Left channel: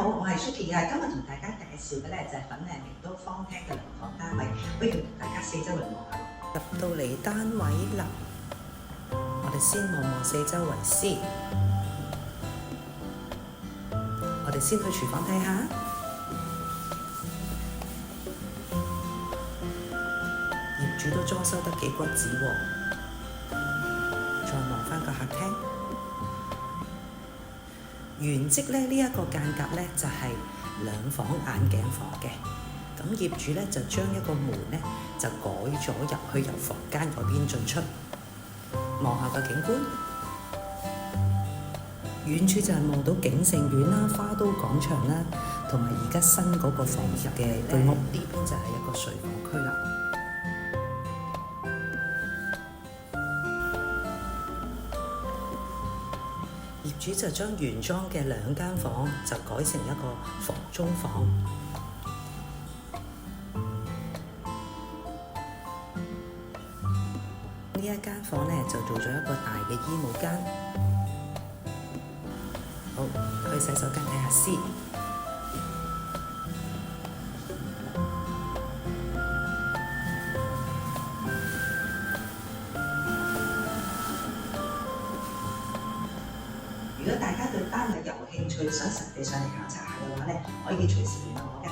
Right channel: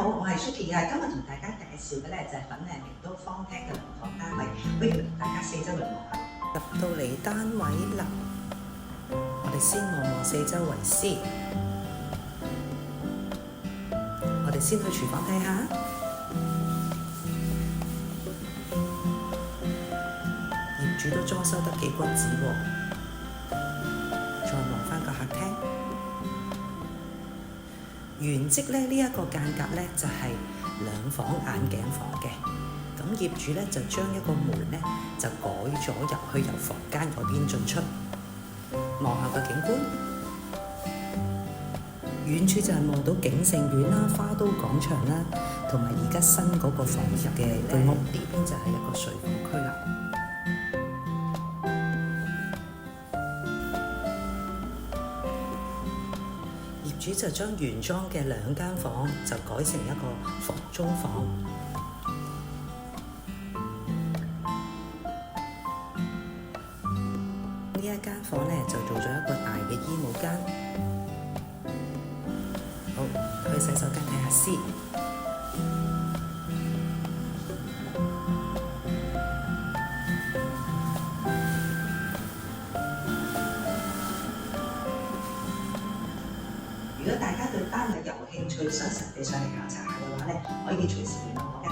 好，我係 Suki 啊，今日同大家介紹嘅咧就係粉嶺明都方廳嘅兩房單位，不如同大家四周圍望下。入到嚟單位樓，我哋先望望四周圍先。我哋先去廚房睇下。業主都裝修得幾骨子喎。再望翻個客廳。原則咧呢一個間隔咧就係兩房眼鏡房嘅，咁業主咧就將一個門咧就改咗入去由房間嗰邊進出，望下個景觀。遠處就係望到景盛苑啦、花都廣場啦，同埋而家新嗰個房入嘅居屋。呢邊就係一個睡房區啦。業主就將原裝嘅兩間房就改成一個房中房。呢一間房呢就做咗一個大嘅衣帽間。好，去洗手間睇下先。如果大家對單位有興趣，想實地上嚟考察下嘅話咧，可以隨時聯絡我嘅。